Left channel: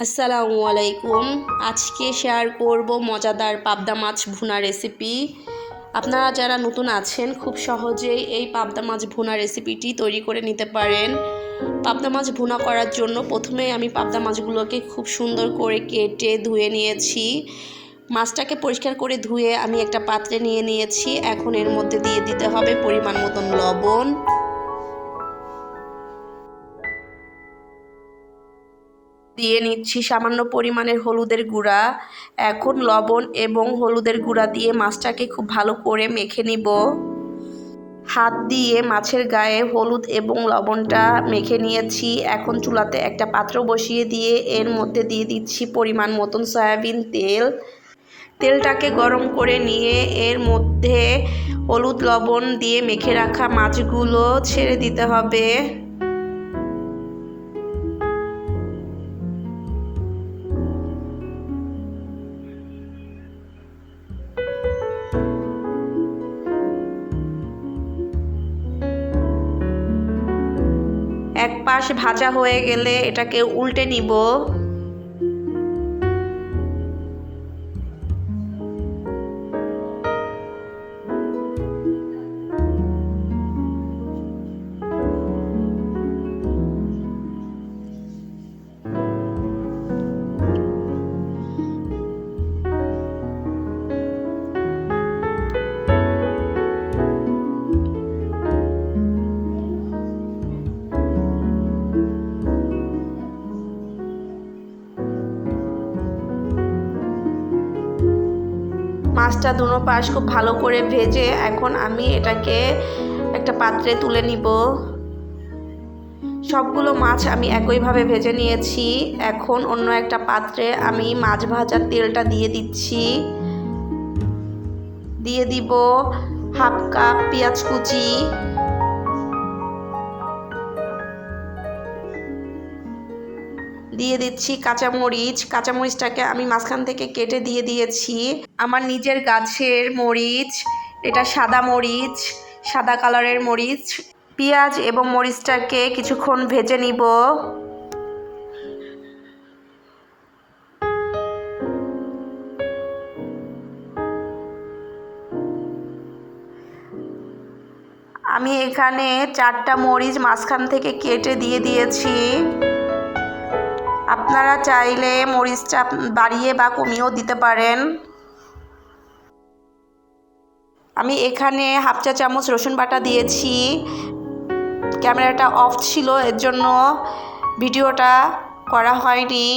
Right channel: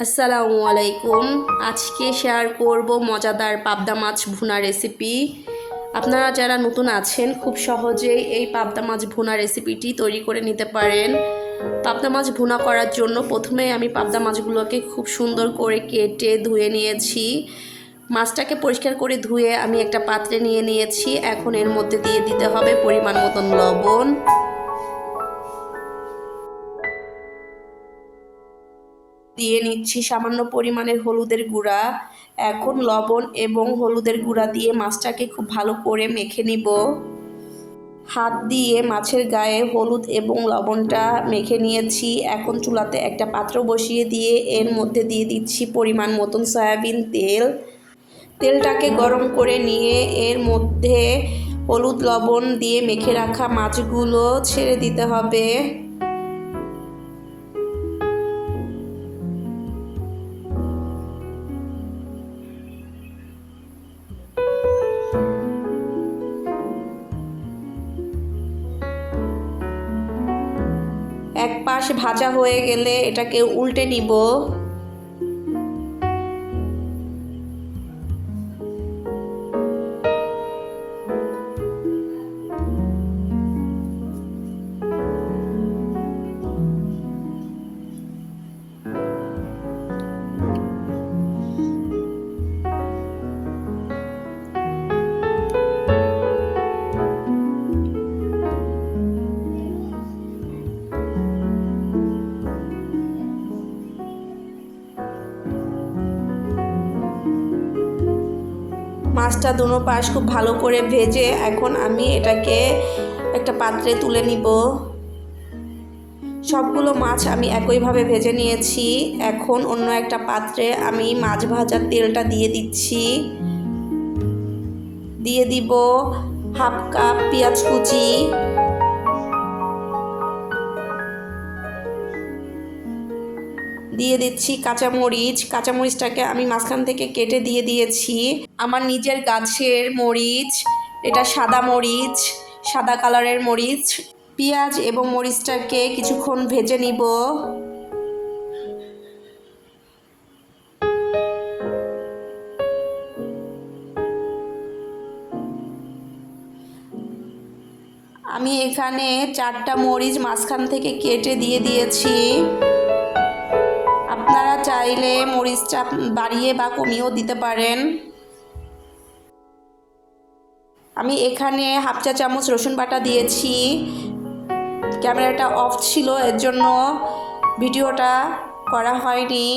আসসালামু আলাইকুম। আজকে শেয়ার করব মজাদার পাবদা মাছ ভুনা রেসিপি আপনারা যারা নতুন আছেন, খুব সহজেই এই পাবদা মাছ ভুনা রেসিপিটি তৈরি করে নিতে পারেন। পাবদা মাছ ভুনা করার জন্য প্রথমে আমি পাবদা মাছগুলোকে খুব সুন্দর করে কেটে ধুয়ে নিয়েছি। মাছটাকে পরিষ্কার করে ধুয়ে আমি একটা পাত্রে নিয়ে নিয়েছি। এখন এর মধ্যে দিয়ে দিতে হবে পরিমাণ মতন লবণ। দিয়ে নিচ্ছি সামান্য পরিমাণের হলুদের গুঁড়া, এখন লবণ এবং হলুদের গুঁড়া দিয়ে মাছটাকে খুব ভালো করে মেখে নিব। হাত দিয়ে মাছের গায়ে হলুদ এবং লবণটা মেখে নিয়েছি। এখন চুলাতে একটা পাত্র বসিয়ে দিয়ে এর মধ্যে দিয়ে দিচ্ছি পরিমাণ মতন সয়াবিন তেল। তেলটাকে গরম করে নিয়ে এর মধ্যে হলুদ লবণ দিয়ে মেখে রাখা মাছগুলো ছেড়ে দিতে হবে। ভাজা হয়ে গেলে এটাকে উল্টে নিব। মাছটা দুনো পাশ খুব ভালো করে ভেজে এখন আমি এটাকে একটা পাত্রে তুলে নিব। সবগুলো মাছ আমি একইভাবে ভেজে নিয়েছি। এখন অন্য একটা পাত্রে আমি মাছ ভাজার তেলটা দিয়ে দিচ্ছি। দিয়ে দিব হাফ কাপ পেঁয়াজ কুচি। দিয়ে দিচ্ছি কাঁচামরিচ। কাঁচামরিচটাকে আমি মাঝখান থেকে কেটে দিয়ে দিয়েছি। আমার নিজের গাছের মরিচ, এটা সাদা মরিচ, সাদা কালারের মরিচ, পেঁয়াজ এবং মরিচটাকে কিছুক্ষণ ভেজে নিব। আমি এখানে চারটা মরিচ মাঝখান থেকে কেটে দিয়ে দিয়েছি। আপনারা চাইলে মরিচটা বাড়িয়ে বা কমিয়েও দিতে পারেন। আমি এখানে হাফ চা চামচ রসুন বাটা দিয়েছি। ক্যামেরাটা অফ ছিল, এর জন্য ভিডিওটা করা হয়নি।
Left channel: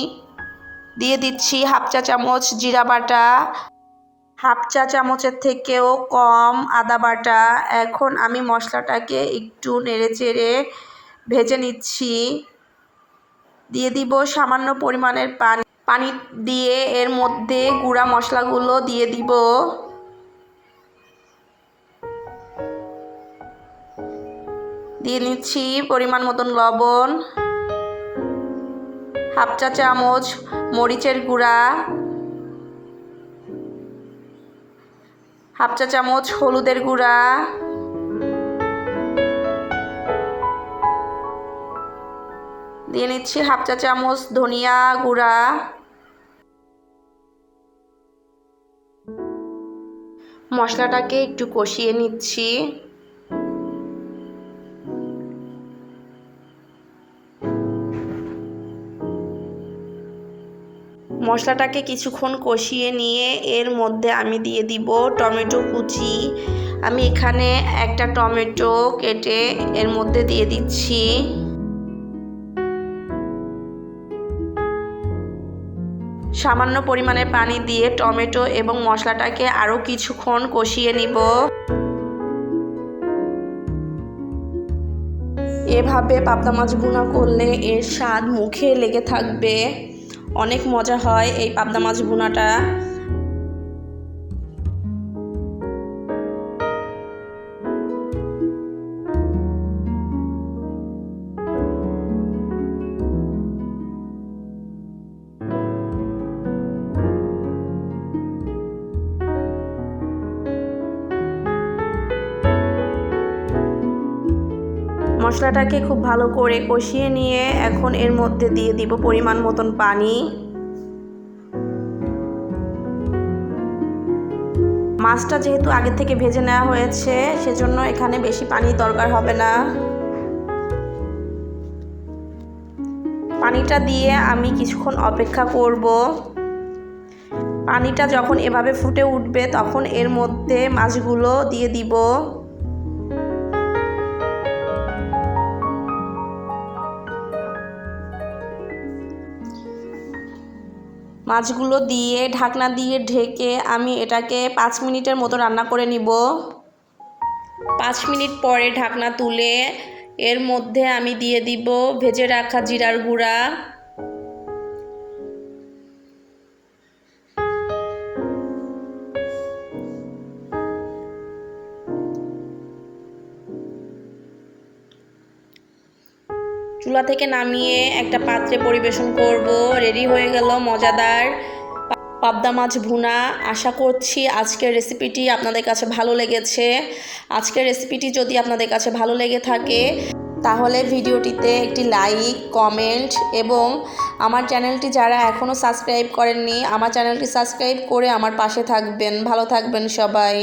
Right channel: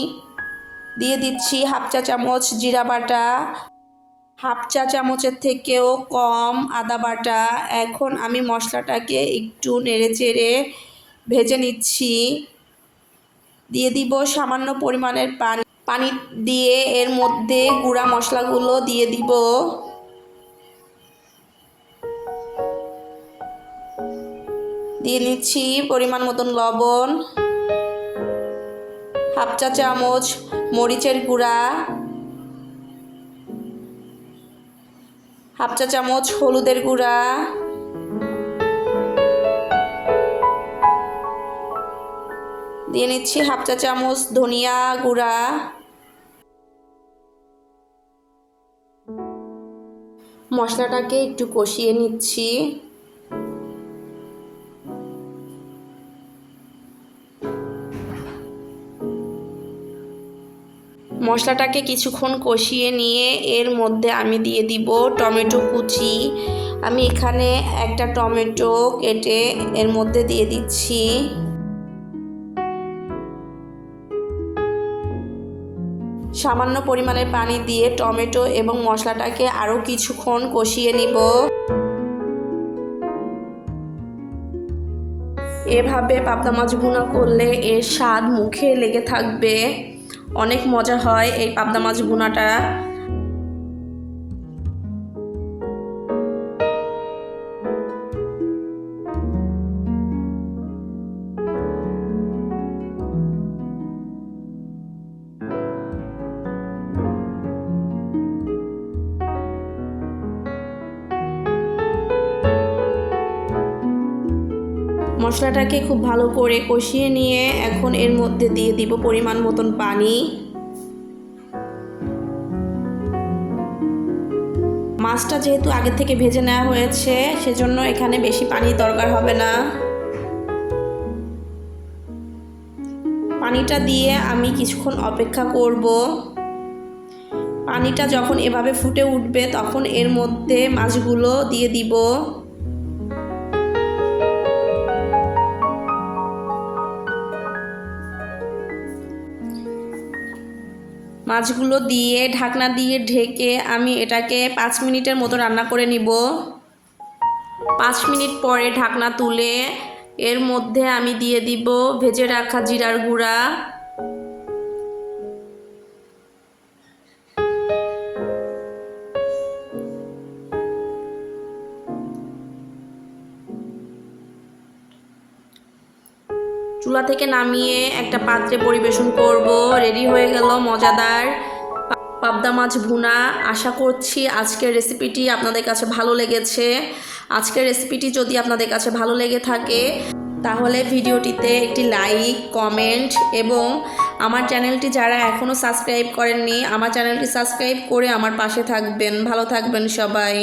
দিয়ে দিচ্ছি হাফ চা চামচ জিরা বাটা। হাফ চা চামচের থেকেও কম আদা বাটা। এখন আমি মশলাটাকে একটু নেড়ে চেড়ে ভেজে নিচ্ছি। দিয়ে দিব সামান্য পরিমাণের পানি। পানি দিয়ে এর মধ্যে গুঁড়া মশলাগুলো দিয়ে দিব। দিয়ে নিচ্ছি পরিমাণ মতন লবণ, হাফ চা চামচ মরিচের গুঁড়া, হাফ চা চামচ হলুদের গুঁড়া, দিয়ে নিচ্ছি হাফ চা চামচ ধনিয়া গুঁড়া। মশলাটাকে একটু কষিয়ে নিচ্ছি। মশলাটাকে কিছুক্ষণ কষিয়ে নিয়ে এর মধ্যে আমি দিয়ে দিব টমেটো কুচি। আমি এখানে একটা টমেটো কেটে এর মধ্যে দিয়ে দিচ্ছি। সামান্য পরিমাণে পানি দিয়ে টমেটো এবং মশলাটাকে আরও কিছুক্ষণ কষিয়ে নিব। এভাবে পাবদা মাছ ভুনা করলে এর স্বাদ মুখে লেগে থাকবে। অনেক মজা হয় এই পাবদা মাছ ভুনাটা। মশলাটাকে খুব ভালো করে কষিয়ে নিয়ে এখন এর মধ্যে দিয়ে দিব পরিমাণ মতন পানি। মাছটা যেহেতু আগে থেকে ভেজে নেওয়া হয়েছে, সেজন্য এখানে বেশি পানি দরকার হবে না। পানিটা দিয়ে আমি কিছুক্ষণ অপেক্ষা করব। পানিটা যখন এভাবে ফুটে উঠবে, তখন এর মধ্যে মাছগুলো দিয়ে দিব। মাছগুলো দিয়ে, ঢাকনা দিয়ে ঢেকে আমি এটাকে পাঁচ মিনিটের মতো রান্না করে নিব। পাঁচ মিনিট পরে ঢাকনা তুলে এর মধ্যে আমি দিয়ে দিব ভেজে রাখা জিরার গুঁড়া। চুলা থেকে নামিয়ে একটা পাত্রে পরিবেশন করব। রেডি হয়ে গেল, মজাদার পাবদা মাছ ভুনা। আশা করছি আজকের রেসিপিটি আপনাদের কাছে ভালো লেগেছে। আজকের রেসিপিটি যদি আপনাদের কাছে ভালো লেগে থাকে, তাহলে ভিডিওটিতে একটি লাইক কমেন্ট এবং আমার চ্যানেলটি যারা এখনও সাবস্ক্রাইব করেননি, আমার চ্যানেলটি সাবস্ক্রাইব করে আমার পাশে থাকবেন। ভালো থাকবেন সবাই।